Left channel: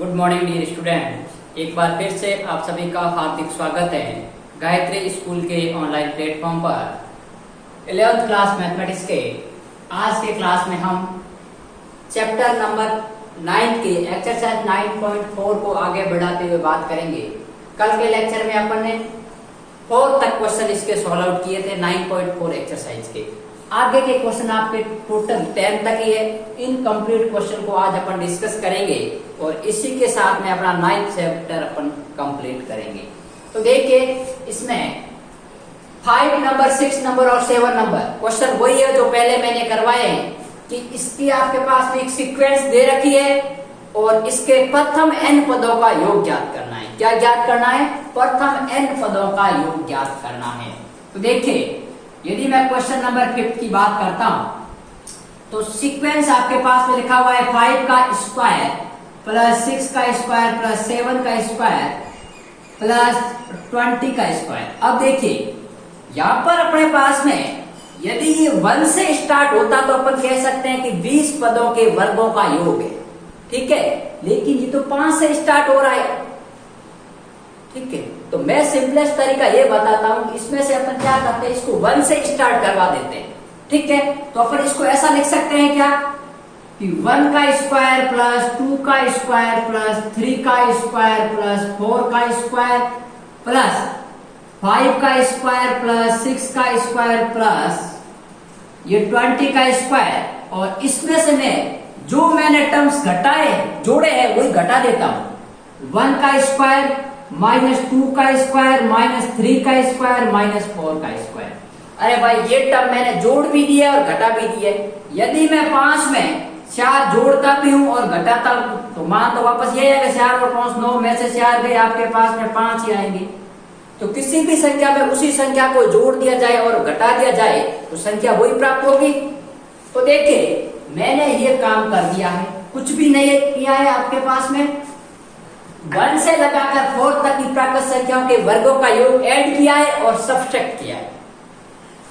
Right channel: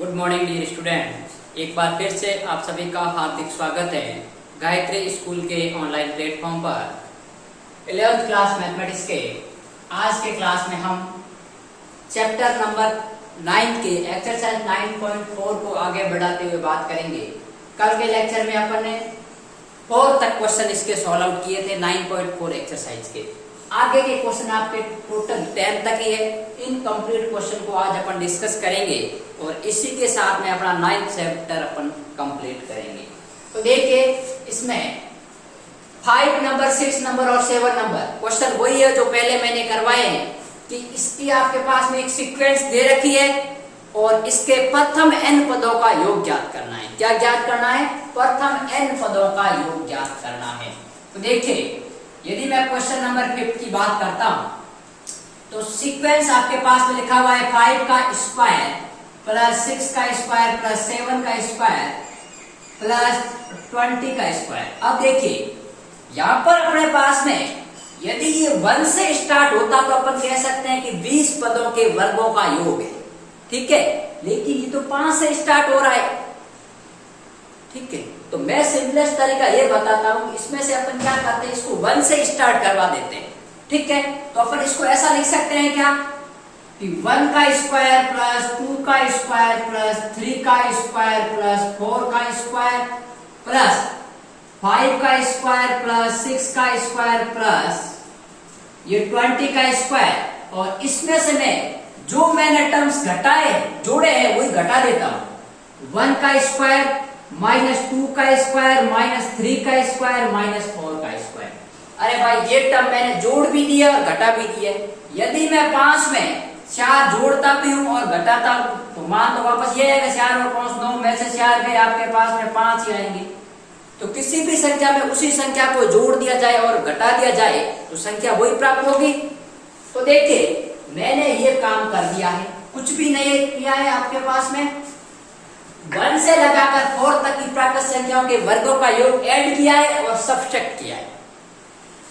Good morning dear student. एक बार फिर से आप सभी का हार्दिक स्वागत है गायत्री स्कूल के ऑनलाइन प्लेटफॉर्म पर 11th क्लास मैथमेटिक्स के आज के क्लास में हम चैप्टर नंबर 9 के एक्सरसाइज 9.4 को आगे बढ़ाते हुए बात करेंगे। कल के लेक्चर में अपन ने 4 तक क्वेश्चन इसके सॉल्व आउट किए थे 9.4 एक्सरसाइज के। आगे के क्वेश्चन आपके टोटल 10 तक ही है। इनकम्प्लीट क्वेश्चन को आज अपन डिस्कस करेंगे और इसी के साथ में अपना 9th चैप्टर अपन कंप्लीट करेंगे। तो देखिए इसमें 5 नंबर, 6 नंबर और 7 नंबर क्वेश्चन वही है जो पहले मैंने करवाए हैं कि इसकी आपके पास में एक सीक्वेंस दे रखी है और इसके प्रथम n पदों का योग ज्ञात करना है। क्या ज्ञात करना है? प्रथम n पदों का योग ज्ञात करना है। तो देखिए यदि मैं क्वेश्चन नंबर 5 की बात करता हूं तो सीक्वेंस आपके पास में लिखा हुआ है 5 का स्क्वायर प्लस 6 का स्क्वायर प्लस 7 का स्क्वायर प्लस 20 का स्क्वायर। अब देखिए यहां पर अपने पास में यदि ये 1 से स्टार्ट होता तो अपन कह सकते हैं कि 20 पदों के वर्गों का योग है, ठीक है। लेकिन ये तो 5 से स्टार्ट हो रहा है, ठीक है। तो मैं सिंपलेस्ट तरीका ये बताता हूं, इसमें से अपन क्या करते हैं, इसको 1 से स्टार्ट करवा देते हैं, ठीक है। तो अपन इसको ऐसा लिख सकते हैं क्या कि 1 का स्क्वायर प्लस 2 का स्क्वायर प्लस 3 का स्क्वायर प्लस 4 का स्क्वायर प्लस 5 का स्क्वायर प्लस 6 का स्क्वायर प्लस ये 20 का स्क्वायर। और इसमें से मैं जो मैंने टर्म्स घटाए जोड़े हैं वही घटा देता हूं। 1 का स्क्वायर माइनस 2 का स्क्वायर माइनस 3 का स्क्वायर माइनस 4 का स्क्वायर। अरे भाई ये टर्म मैंने जोड़ भी दिया और घटा भी दिया। यदि मैं 5 में 4 जोड़ता भी हूं और घटाता हूं तो मान तो वापस ये है कि 4 और 5 9 में से 4 गए, आपके पास में 5 ही आएंगे। तो किसी भी संख्या में उसी संख्या को जोड़ दिया जाए और घटा दिया जाए तो संख्या वही प्राप्त होगी। तो देखिए मैंने ये काम कर दिया है, कुछ भी नहीं किया है। आपके पास में 1 से लगाकर 4 तक की प्राकृत संख्याओं के वर्गों का योग ऐड किया है और सब्सट्रैक्ट किया है।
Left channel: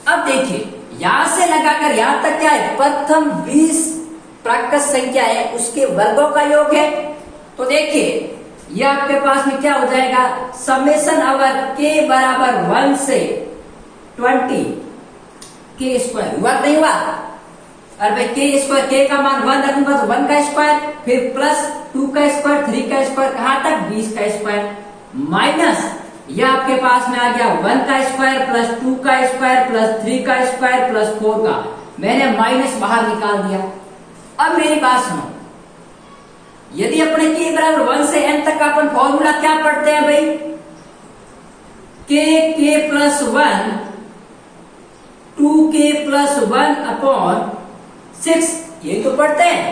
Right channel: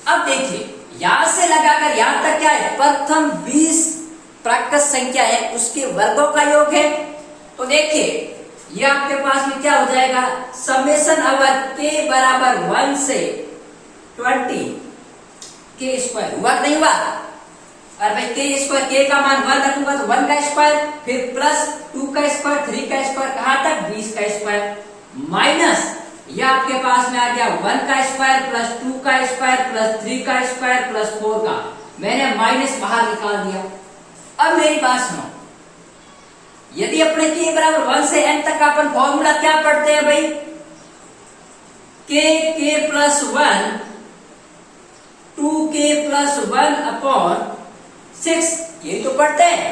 अब देखिए यहां से लगाकर यहां तक क्या है, प्रथम 20 प्राकृत संख्या है उसके वर्गों का योग है। तो देखिए ये आपके पास में क्या हो जाएगा, समेशन अवर k बराबर 1 से 20 के स्क्वायर हुआ नहीं हुआ। और भाई k स्क्वायर, k का मान 1 रखूंगा तो 1 का स्क्वायर फिर प्लस 2 का स्क्वायर 3 का स्क्वायर कहां तक 20 का स्क्वायर माइनस ये आपके पास में आ गया 1 का स्क्वायर प्लस 2 का स्क्वायर प्लस 3 का स्क्वायर प्लस 4 का। मैंने माइनस बाहर निकाल दिया। अब मेरी बात सुनो, यदि अपने k बराबर 1 से n तक अपन फॉर्मूला क्या पढ़ते हैं भाई, k plus 1 2k plus 1 upon 6 ये तो पढ़ते हैं।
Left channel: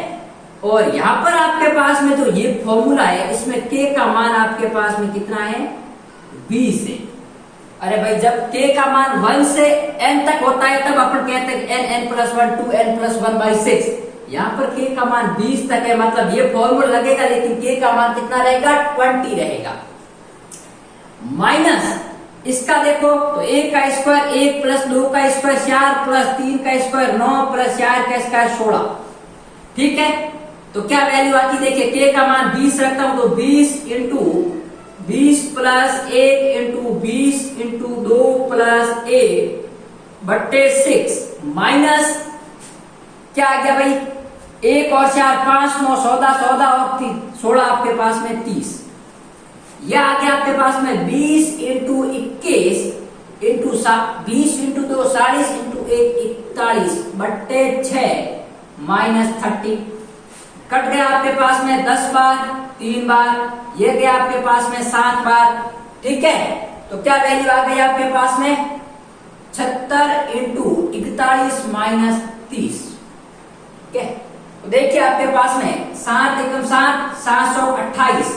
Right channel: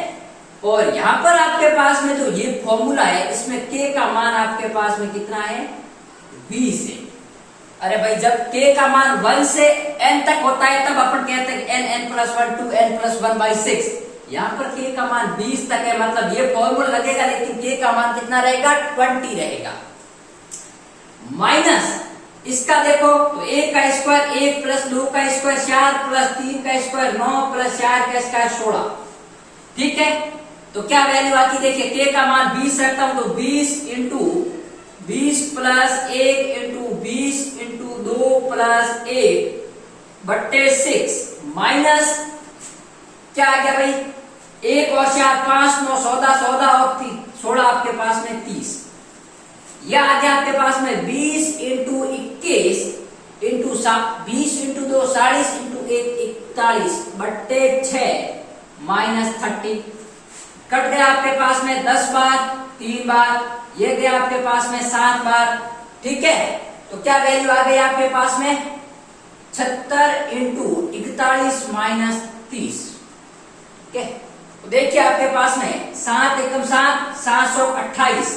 और यहां पर आपके पास में जो ये फॉर्मूला है इसमें k का मान आपके पास में कितना है 20 है। अरे भाई जब k का मान 1 से n तक होता है तब अपन कहते हैं n plus 1 2 n plus 1 by 6। यहाँ पर k का मान 20 तक है, मतलब ये फॉर्मूला लगेगा लेकिन k का मान कितना रहेगा 20 रहेगा। माइनस इसका देखो तो 1 का स्क्वायर 1 प्लस 2 का स्क्वायर 4 प्लस 3 का स्क्वायर 9 प्लस 4 का स्क्वायर 16, ठीक है। तो क्या वैल्यू आती देखिए, k का मान 20 रखता हूं तो 20 into 20 plus 1 into 20 into 2 plus 1 बट्टे 6 माइनस क्या आ गया भाई 1 और 4 5 9 14 और 16 आपके पास में 30। यह आ गया आपके पास में 20 इंटू 21 इंटू 20 इंटू 2 40 इंटू 1 41 बट्टे 6 माइनस 30। कट गया आपके पास में 10 बार 3 बार, ये गया आपके पास में 7 बार, ठीक है। तो क्या वैल्यू आ गई आपके पास में 76 इंटू 41 माइनस 30, ठीक है। तो देखिए आपके पास में 7 एकम 7 728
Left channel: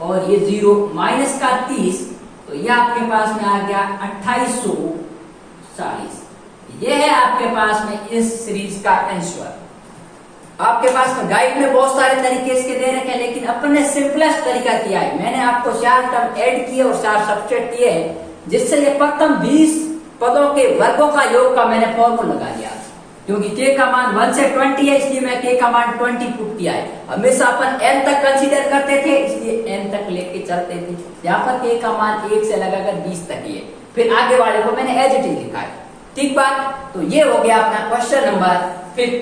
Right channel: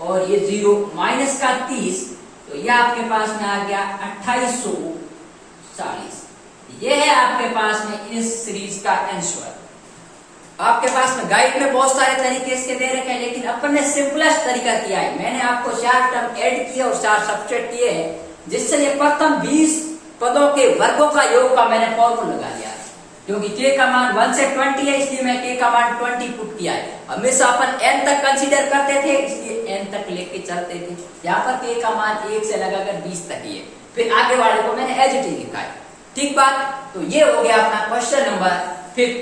और ये 0 माइनस का 30 तो ये आपके पास में आ गया 2840। ये है आपके पास में इस सीरीज का आंसर। आपके पास में गाइड में बहुत सारे तरीके इसके दे रखे हैं लेकिन अपन ने सिंपलेस्ट तरीका किया है। मैंने आपको 4 टर्म ऐड किए और 4 सब्सट्रैक्ट किए हैं जिससे ये प्रथम 20 पदों के वर्गों का योग का मैंने फॉर्मूला लगा दिया। क्योंकि k का मान 1 से 20 है, इसलिए मैं k का मान 20 पुट किया है। हमेशा अपन n तक कंसीडर करते थे, इसलिए n तक लेके चलते थे। यहाँ पर k का मान 1 से लगाकर 20 तक ही है, फिर आगे वाले को मैंने एज इट इज लिखा है। ठीक बात। तो ये हो गया अपना क्वेश्चन नंबर 5।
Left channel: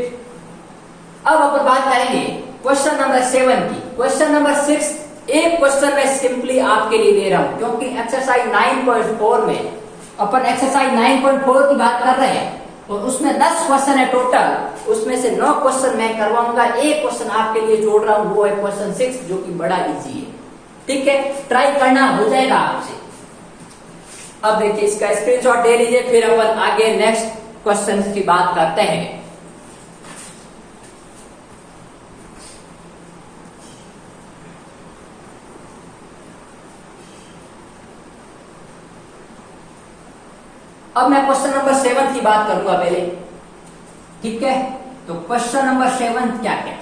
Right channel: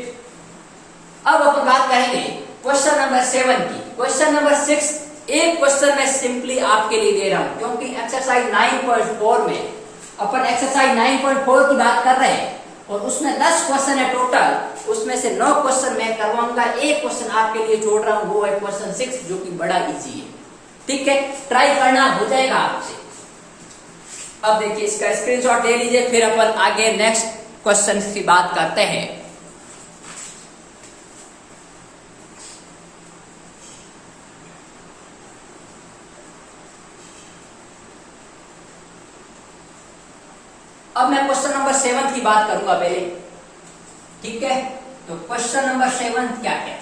अब अपन बात करेंगे क्वेश्चन नंबर 7 की। क्वेश्चन नंबर 6 एक क्वेश्चन मैं सिंपली आपके लिए दे रहा हूं, क्योंकि एक्सरसाइज 9.4 में अपन एक्सरसाइज 9.4 की बात कर रहे हैं और उसमें 10 क्वेश्चन है टोटल, उसमें से 9 क्वेश्चन मैं करवाऊंगा, एक क्वेश्चन आपके लिए छोड़ रहा हूं, वो है क्वेश्चन 6 जो कि बड़ा इजी है। ठीक है, ट्राई करना हो जाएगा आपसे। अब देखिए इसका स्क्रीनशॉट ले लीजिए, फिर अपन आगे नेक्स्ट क्वेश्चन की बात करते हैं। अब मैं क्वेश्चन नंबर 7 की बात करूंगा पहले। ठीक है, तो क्वेश्चन नंबर 7 क्या है?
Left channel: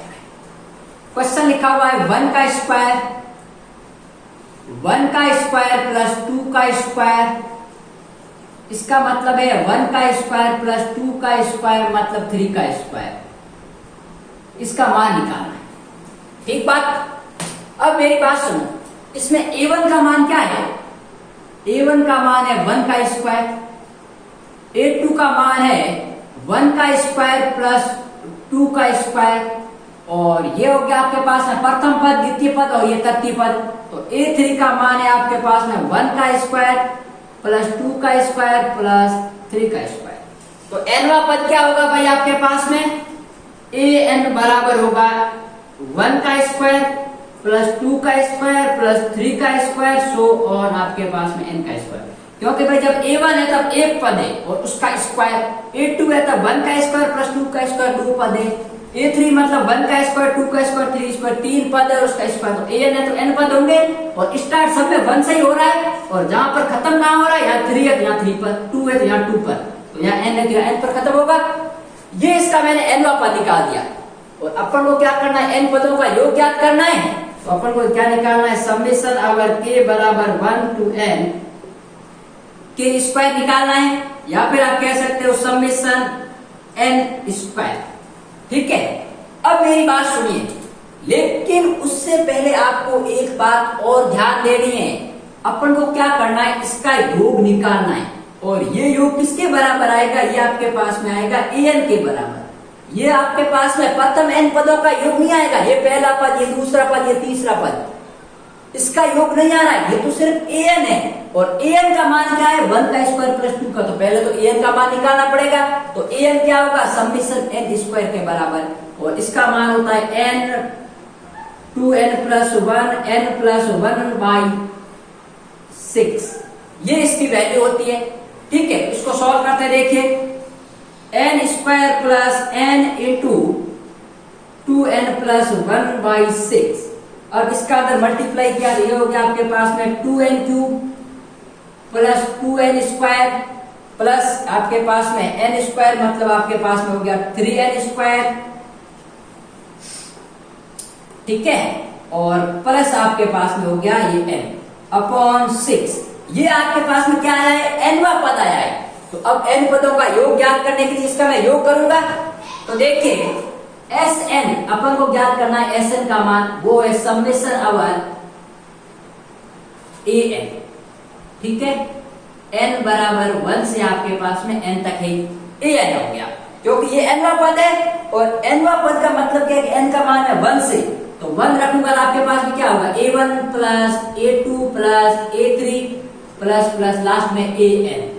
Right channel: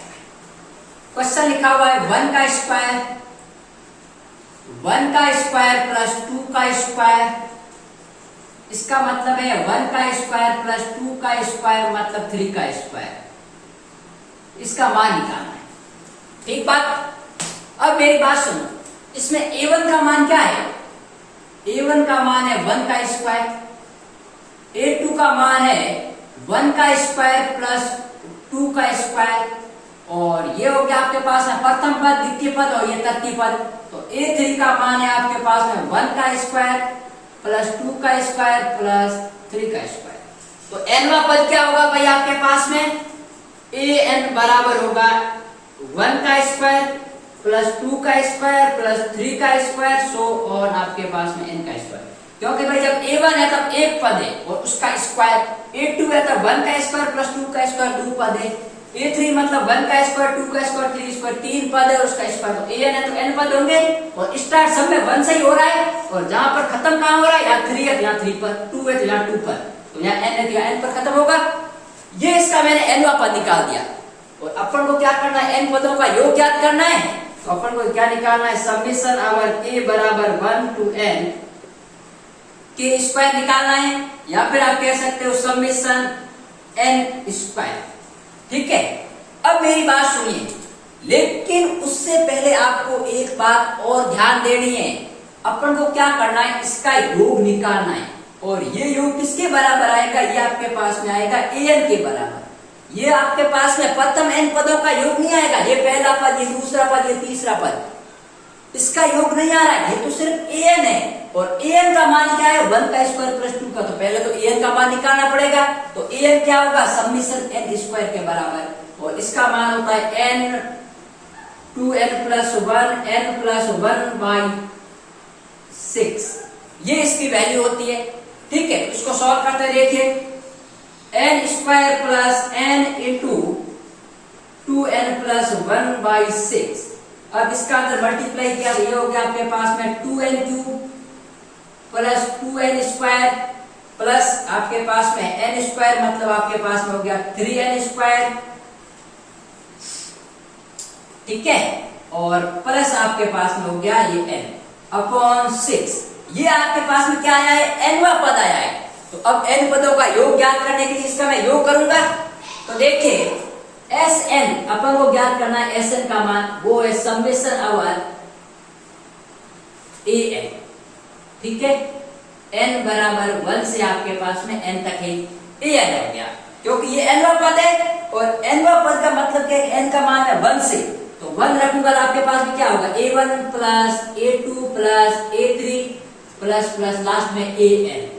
क्वेश्चन लिखा हुआ है 1 का स्क्वायर प्लस 2 का स्क्वायर, इसका मतलब है 1 का स्क्वायर प्लस 2 का स्क्वायर मतलब 3 का स्क्वायर, इसका मान निकालना है। ठीक बात। अब मेरी बात सुनो, इसमें a1 का मान क्या है? a1 का मान है 1 का स्क्वायर, a2 का मान है 1 का स्क्वायर प्लस 2 का स्क्वायर, और ये हो गया आपके पास है प्रथम पद, द्वितीय पद और ये तृतीय पद। तो a3 का मान है आपके पास में 1 का स्क्वायर प्लस 2 का स्क्वायर प्लस 3 का स्क्वायर। तो nवा पद क्या होगा भाई आपके पास में? an बराबर होगा 1 का स्क्वायर प्लस 2 का स्क्वायर प्लस 3 का स्क्वायर, सो और आपके पास में n का स्क्वायर। क्योंकि भाई जब a1 है तब एक पद है और उसका स्क्वायर, a2 है तब 1 का स्क्वायर प्लस 2 का स्क्वायर 2 पद है, a3 मतलब 1 का स्क्वायर 2 का स्क्वायर 3 स्क्वायर 3 पद है और उसका स्क्वायर। तो an है तो n पद होंगे और स्टार्ट सब में 1 से ही हो रहा है, और जहां पर खत्म कहां हो रहा है? यहाँ 3 है तो यहाँ 3 पद, 2 है तो यहाँ 2 पद, तो यहाँ n है तो यहाँ n पर खत्म होगा। ये इसका मैंने nवा पद निकाल दिया। और अपन को क्या करना है? n पदों का योग ज्ञात करना है। तो अपन को क्या निकालना है? समेशन अवर k बराबर 1 to n के स्क्वायर निकालना है, या फिर आप कह सकते हो समेशन n स्क्वायर। ठीक है, अब मेरी बात सुनिए, लेकिन उससे पहले आपको एक बात और ध्यान देनी है। अपन को क्या करना है? इसका योग निकालना है, और ये योग किसके बराबर आएगा? ये आपके पास में आएगा an के बराबर। ये आपके पास में प्रथम n पदों का योग नहीं आएगा, ये पहला पद, ये दूसरा पद, ये तीसरा पद, इसका योग नहीं आ रहा है, ये तो सिर्फ an है। और an का मान क्या है? 1 का स्क्वायर प्लस 2 का, तो पहले तो an का मान निकालना पड़ेगा। तो an क्या होगा? समेशन n स्क्वायर के बराबर, और इसका मान होता है n 2n plus 1 n plus 1 by 6, ये इसकी वैल्यू होती है। ठीक है, इसको सॉल्व करते देखिए, n square plus n into 2n plus 1 by 6। अब इसका अगर मल्टीप्लाई किया, ये हो गया आपके पास में 2n cube plus 2n square plus आपके पास में n स्क्वायर, मतलब आपके पास में हो गया 3n स्क्वायर। ठीक है, और प्लस आपके पास में हो गया ये n अपॉन 6। ये आपके पास में क्या आया है? nवा पद आया है। तो अब n पदों का योग ज्ञात करने के लिए इसका मैं योग करूंगा। तो देखिए Sn अपन को ज्ञात करना है, Sn का मान वो है समेशन अवर an। ठीक है, n बराबर 1 से आपके पास में n तक है, an हो गया, क्योंकि ये nवा पद है और nवा पद का मतलब क्या है? n का मान है 1 से, तो 1 रखूंगा तो आपके पास में क्या होगा? a1 plus a2 plus a3 plus plus last में an।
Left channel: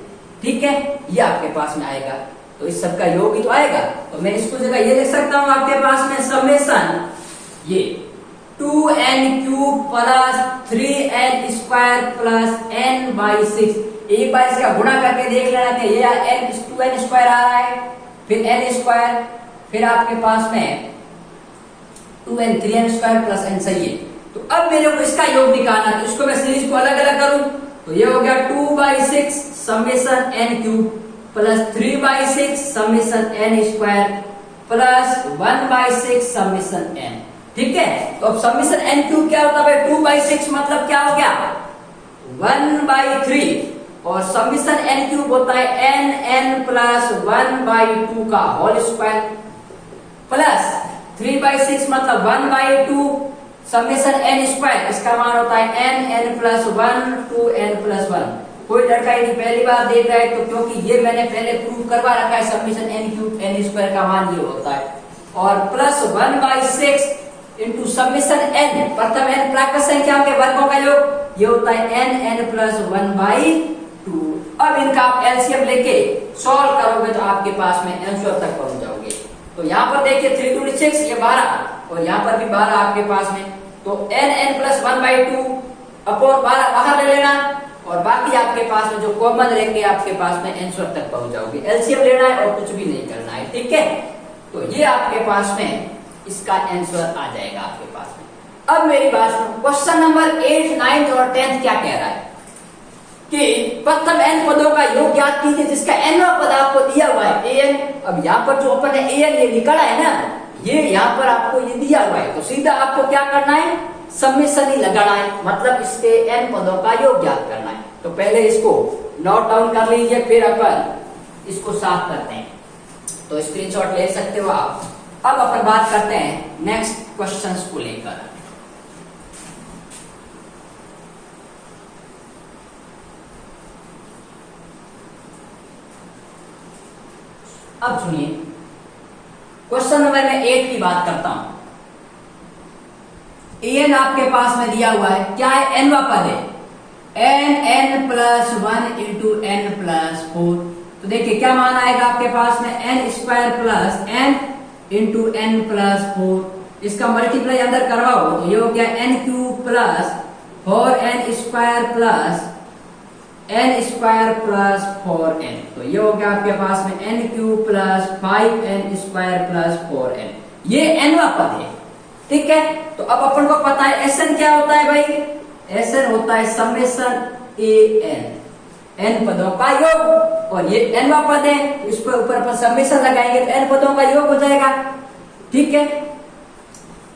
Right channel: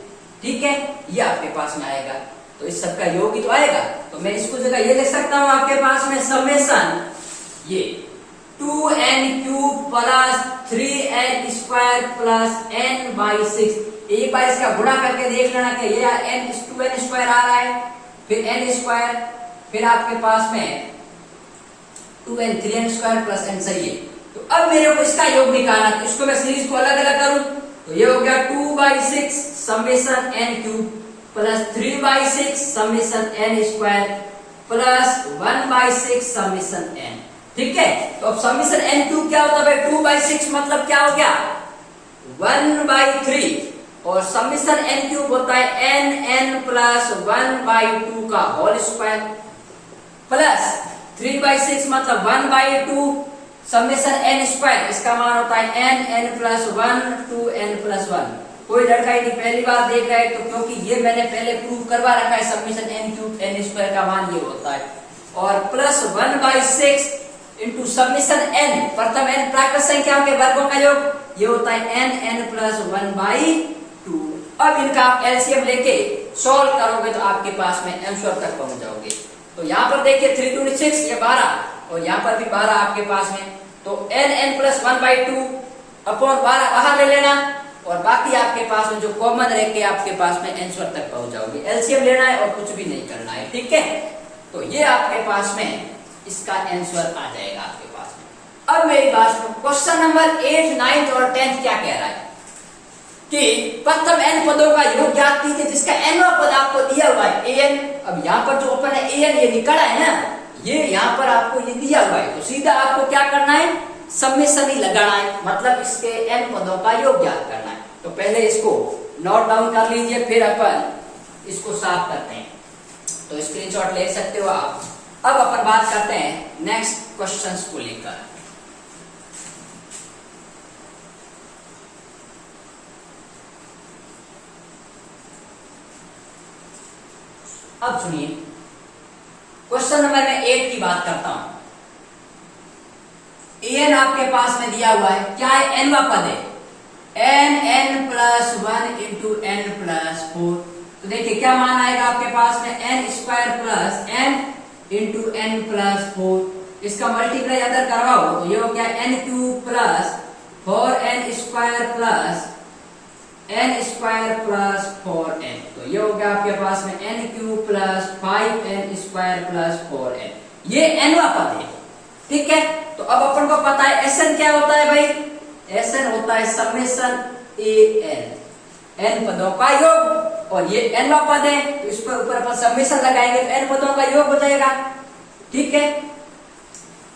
ठीक है, ये आपके पास में आएगा, तो इस सब का योग ही तो आएगा। तो मैं इसको जगह ये लिख सकता हूं आपके पास में समेशन ये 2n cube plus 3n square plus n by 6। एक बार इसका गुणा करके देख लेना कि ये n 2n स्क्वायर आ रहा है, फिर n स्क्वायर, फिर आपके पास में 2n 3n square plus n, सही है। तो अब मेरे को इसका योग निकालना, तो इसको मैं सीरीज को अलग अलग करूं, तो ये हो गया 2 by 6 summation n cube plus 3 by 6 summation n square plus 1 by 6 summation n। ठीक है, तो अब समेशन n क्यूब क्या होता है? 2 बाई 6 मतलब क्या हो गया? 1 बाई 3 और समीशन n क्यूब होता है n प्लस 1/2 का होल स्क्वायर प्लस 3/6 मतलब 1/2 समीशन n स्क्वायर, इसका मान होता है n plus 1 to n plus 1। कोई लड़का यदि पहली बार देख रहा है तो क्योंकि ये मैंने पहले प्रूव करवा रखा है, summation n cube n square का मान ये होता है, और प्लस 1/6 इंटू समीशन n, प्रथम n प्राकृत संख्याओं के वर्गों का योग, ये होता है n प्लस 1/2। अब इनका आप एलसीएम लेके सॉल्व करोगे तो आपके पास में आंसर तक पहुंच जाओगे। तो यहाँ पर देखिए 3 2 6 ये 12 और यहाँ पर भी 12 आपके पास में, तो n प्लस 1/2 अपॉन 12 बाहर ले लेना और बाकी आपके पास में जो कॉमन रहेंगे आपके पास में आंसर तक पहुंच जाओगे। एलसीएम लेना है और कुछ भी नहीं करना है, ठीक है। तो ये आपके पास में इसका आंसर आ जाएगा आपके पास में। अब मेरी बात सुनो, क्वेश्चन नंबर 8, 9 और 10 क्या कह रहा है कि प्रथम n पदों का योग ज्ञात कीजिए जिसका nवां पद आपको दिया हुआ है an। अब यहाँ पर जो ओपन है an ये निकला है ना, ये यहाँ पर आपको ये दिया हुआ है, तो सीधा आपको क्या करना है, समेशन ही लगाना है, मतलब इसके n पदों का योग ज्ञात करना है। तो पहले इसको नोट डाउन कर लीजिए, फिर अपन इसको साफ करते हैं। तो स्क्रीनशॉट ले सकते हो आप। अब अपन बात करते हैं नेक्स्ट क्वेश्चंस को लेकर। अब सुनिए, क्वेश्चन नंबर में 8 की बात करता हूं। an आपके पास में दिया हुआ है, क्या है, nवां पद है n plus 1 into n plus 4। तो देखिए क्या मान आएगा आपके पास में n square plus n into n plus 4। इसका मल्टीप्लाई अंदर करवाओ तो ये हो गया n cube plus 4n square plus n square plus 4n। तो ये हो गया आपके पास में n cube plus 5n square plus 4n। ये nवां पद है, ठीक है। तो अब अपन को पता है Sn क्या होता है भाई, Sn होता है समेशन n पदों का योग, और ये nवां पद है तो इस पर ऊपर अपन समेशन लगाएंगे तो n पदों का योग हो जाएगा, ठीक है।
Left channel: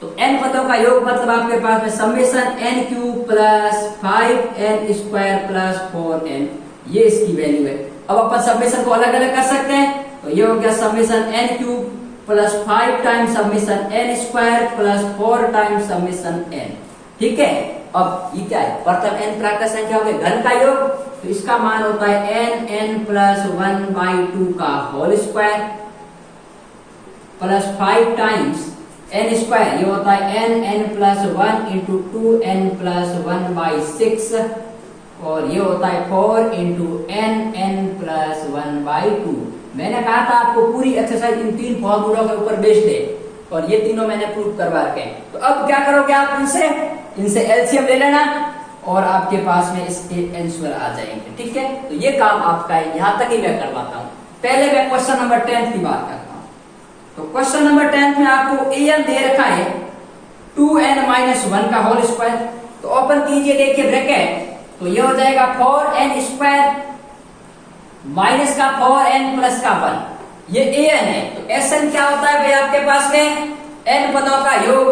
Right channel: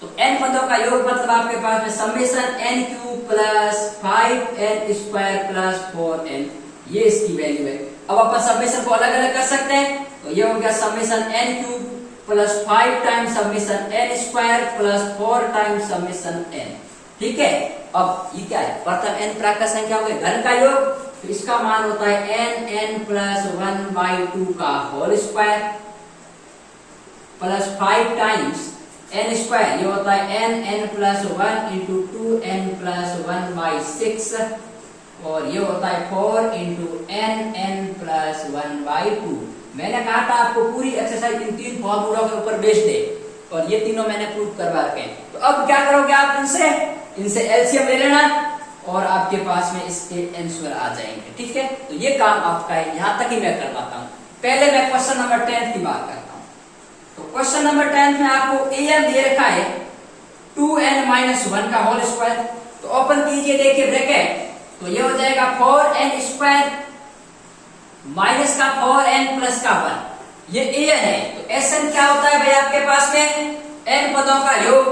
तो n पदों का योग मतलब आपके पास में summation n cube plus 5n square plus 4n, ये इसकी वैल्यू है। अब अपन समेशन को अलग अलग कर सकते हैं, तो ये हो गया summation n cube plus 5 times summation n square plus 4 times summation n, ठीक है। अब ये क्या है, प्रथम n प्राकृत संख्याओं के घन का योग, तो इसका मान होता है n प्लस 1/2 का whole square plus 5 times n square, ये होता है n plus 1 into 2n plus 1/6, और ये होता है 4 इंटू n प्लस 1/2। मैंने कहा था आपको पूरी एक्सरसाइज इन 3 फॉर्मूलों के ऊपर बेस्ड है, और ये तीनों मैंने प्रूव करवा रखे हैं। तो अब क्या करोगे आप, इनसे एलसीएम ले लेना और आपके पास में इसके आंसर आ जाएंगे, ठीक है। तो ये काम आपका है, यहां तक ही मैं करवाता हूं। पहले मैं क्वेश्चन नंबर 10 की बात करता हूं। तो क्वेश्चन नंबर 10 में आपको an दे रखा है 2n माइनस 1 का होल स्क्वायर। तो ओपन कीजिए, देखिए ब्रैकेट, तो ये हो जाएगा 4n स्क्वायर माइनस का 4n प्लस का 1, ये an है। तो Sn क्या होता है भाई आपके पास में, n पदों का योग,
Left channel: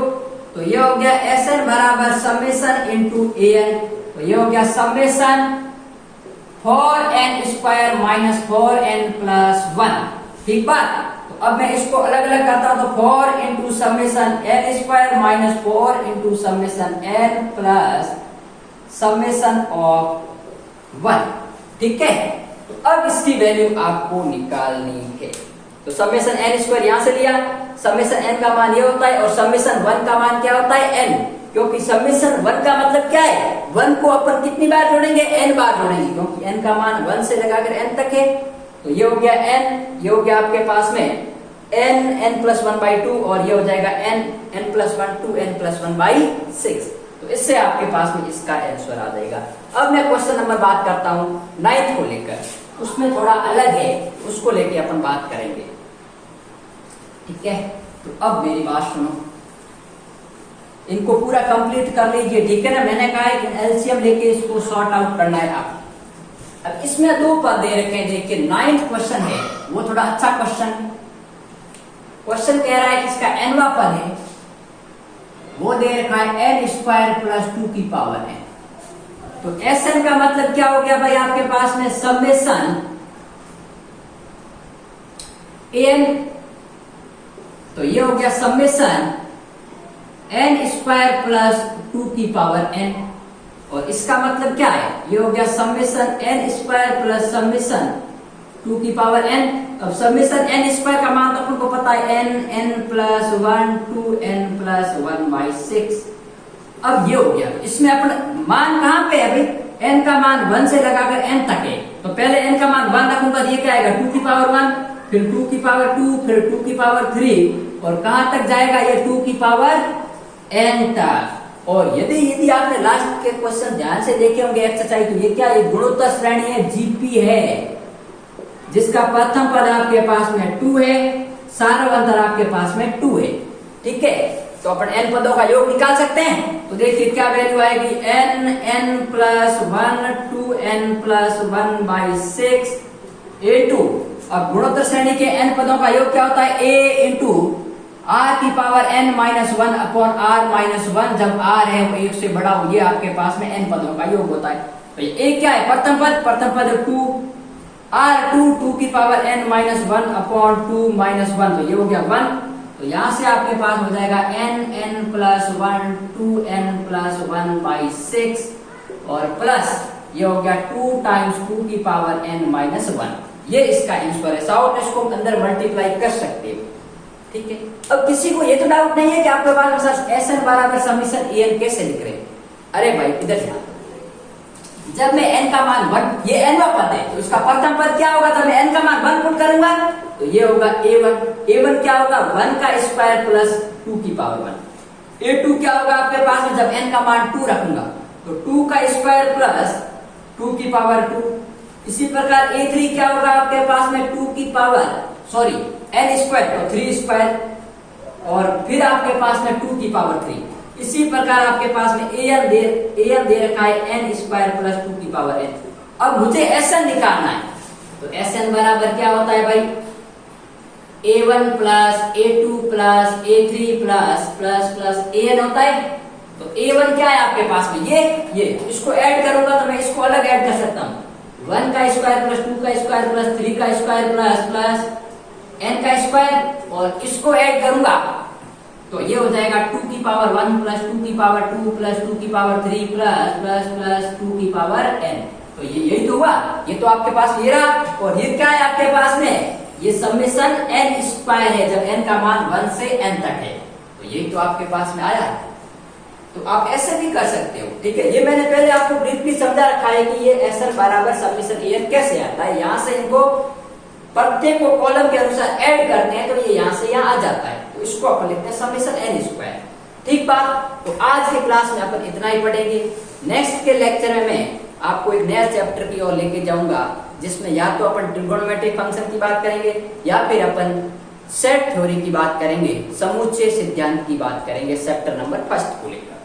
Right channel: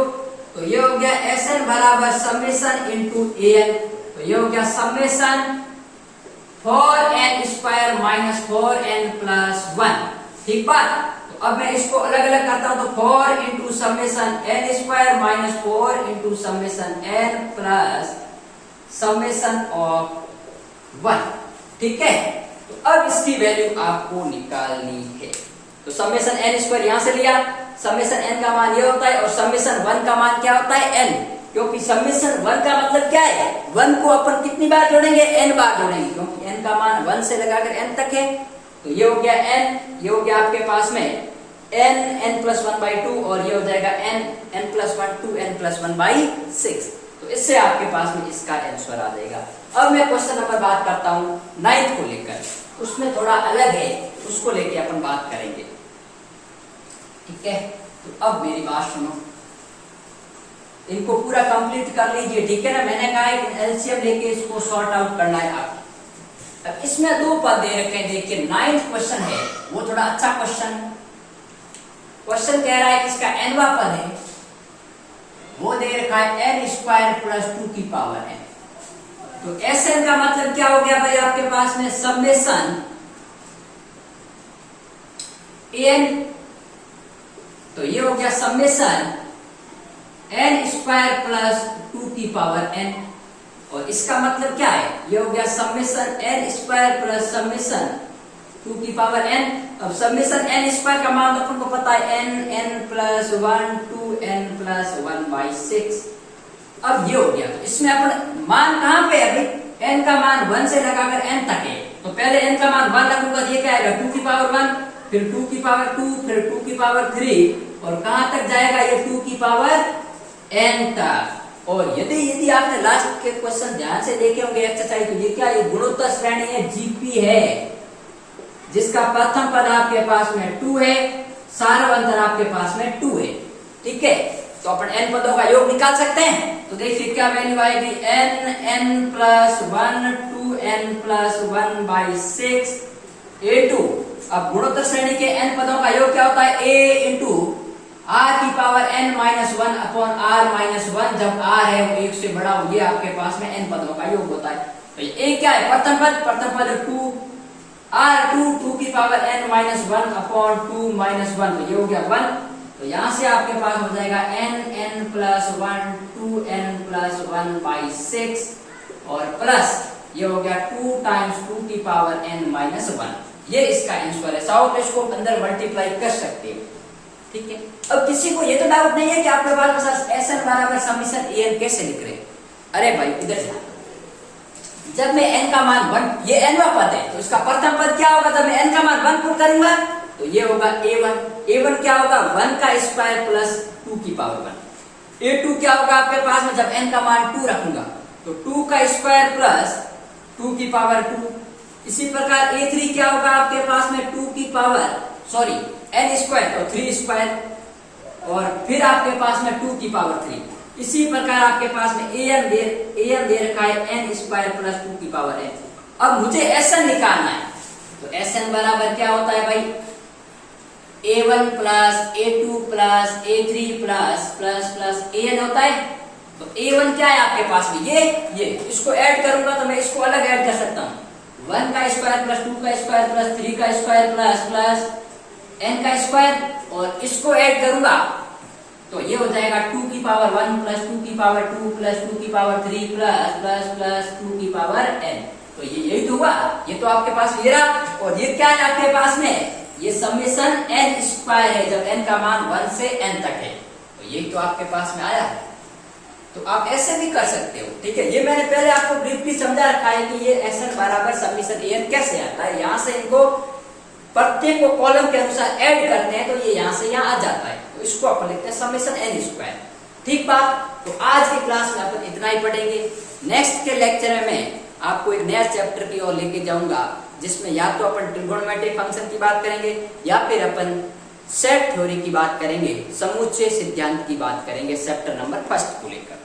तो ये हो गया Sn बराबर समेशन इंटू an, तो ये हो गया summation 4n square minus 4n plus 1, ठीक बात। तो अब मैं इसको अलग अलग करता हूं, तो 4 into summation n square minus 4 into summation n plus summation of 1, ठीक है। तो अब इसकी वैल्यू आपको निकालनी है। तो समेशन n स्क्वायर यहां से लिया, समेशन n का मान ये होता है और समेशन 1 का मान क्या होता है n, क्योंकि समेशन 1 का मतलब क्या है, 1 को अपन कितनी बार जोड़ेंगे, n बार जोड़ेंगे, क्योंकि n का मान 1 से लगाकर n तक है। तो ये हो गया n, ये हो गया आपके पास में n प्लस 1/2, और ये हो जाएगा n प्लस 1 2n प्लस 1/6। तो इससे आपके पास में इसका आंसर आ जाएगा। अब मैं क्वेश्चन नंबर बात करता हूं 9 को लेकर, उसमें थोड़ा अलग है, उसको लेके अपन बात करेंगे, ठीक है। तो अब मेरी बात सुनो, इनको पूरा कंप्लीट कर लीजिए, ठीक है ना। मैंने कहा है कि एलसीएम लेके इसको सॉर्ट आउट करना है आप। अब इसमें 2 पद दे रखे हैं, देखिए 9th क्वेश्चन है वो थोड़ा अच्छा क्वेश्चन कह रहा है कि इसका nवां पद है, वो दे रखा है n स्क्वायर प्लस 2 की पावर n। तो Sn का मतलब क्या हो गया भाई आपके पास में समेशन n, तो ये हो गया समेशन n स्क्वायर प्लस 2 की पावर n, और इसका मतलब क्या है, ये हो गया summation n square plus summation 2 की पावर n। अब समेशन n स्क्वायर का मान अपन को पता है n प्लस 1 2n प्लस 1/6। अब ये हो गया, तो इसमें अपन मान कहां पे है भाई, n का मान 1 से लगाकर n तक है, तो पहले n का मान 1 रखूंगा, ये क्या आएगा 2 की पावर 1, फिर 2 की पावर 2, फिर 2 की पावर 3, और कहां तक जाएगा ये 2 की पावर n तक। और यदि आपने लास्ट के क्वेश्चन ध्यान से देखे होंगे एक्सरसाइज, तो ये क्या, ये गुणोत्तर श्रेणी है, जीपी है, जिसका प्रथम पद आपके पास में 2 है, सार्वंतर आपके पास में 2 है। ठीक है, तो अपन n पदों का योग निकाल सकते हैं। तो देखिए क्या वैल्यू आएगी, n plus 1 2n plus 1/6 a2। अब गुणोत्तर श्रेणी के n पदों का योग क्या होता है, a इंटू r की power n minus 1 upon r minus 1, जब r है वो 1 से बड़ा हो, ये आपके पास में n पदों का योग होता है। तो ये क्या है, प्रथम पद 2 r2 2 की power n minus 1 upon 2 minus 1, तो ये हो गया 1। तो यहां से आपके पास हो जाएगा n प्लस 1 2n प्लस 1/6, और प्लस ये हो गया 2 टाइम्स 2 की पावर n माइनस 1। ये इसका आंसर है, साउथ इसको अंदर मल्टीप्लाई कर सकते हो। ठीक है, अब किसी को ये तो डाउट नहीं है कि आपके पास Sn बराबर समीशन an कैसे लिख रहे हैं। अरे भाई इधर ध्यान, जब मैं n का मान 1, ये n पद है, तो उसका प्रथम पद क्या होगा, जब मैं n का मान 1 पुट करूंगा तो ये होगा a1 क्या होगा, 1 का स्क्वायर प्लस 2 की पावर 1। a2 क्या होगा आपके पास में, जब n का मान 2 रखूंगा तो 2 का स्क्वायर प्लस 2 की पावर 2। इसी प्रकार a3 क्या होगा आपके पास में, 2 की पावर n स्क्वायर और 3 स्क्वायर, और फिर आपके पास में 2 की पावर 3। इसी प्रकार आपके पास में an दे रखा है n स्क्वायर प्लस 2 की पावर n। अब मुझे Sn निकालना है, तो Sn बराबर क्या होता है भाई, a1 plus a2 plus a3 plus an होता है। तो a1 क्या है आपके पास में, ये इसको ऐड करूंगा तो मैं इसको अलग ऐड कर सकता हूँ, 1 का स्क्वायर प्लस 2 का स्क्वायर प्लस 3 का स्क्वायर प्लस n का स्क्वायर, और इसको ऐड करूंगा तो ये हो जाएगा 2 की पावर 1 प्लस 2 की पावर 2 प्लस 2 की पावर 3 प्लस 2 की पावर n। तो ये यही तो हुआ, ये तो आपके पास ये रहा, और ये क्या है आपके पास में, ये समेशन n स्क्वायर है, जब n का मान 1 से n तक है, तो ये तो आपके पास में आया। तो आप ऐसे भी कर सकते हो। ठीक है, ये मैंने पहले आपको ब्रीफली समझा रखा है कि ये Sn बराबर समेशन an कैसे आता है। यहाँ से इनको प्रत्येक को कॉलम के अनुसार ऐड करते हैं, तो ये यहाँ से यहाँ आ जाता है, तो इसको अपन लिखते हैं समेशन n स्क्वायर। ठीक बात, तो आज की क्लास में अपन इतना ही पढ़ेंगे। नेक्स्ट के लेक्चर में मैं आपको एक नया चैप्टर की ओर लेके जाऊंगा, जिसमें या तो अपन ट्रिगोनोमेट्रिक फंक्शन की बात करेंगे, या फिर अपन सेट थ्योरी की बात करेंगे, समुच्चय सिद्धांत की बात करेंगे, चैप्टर नंबर 1 को लेकर।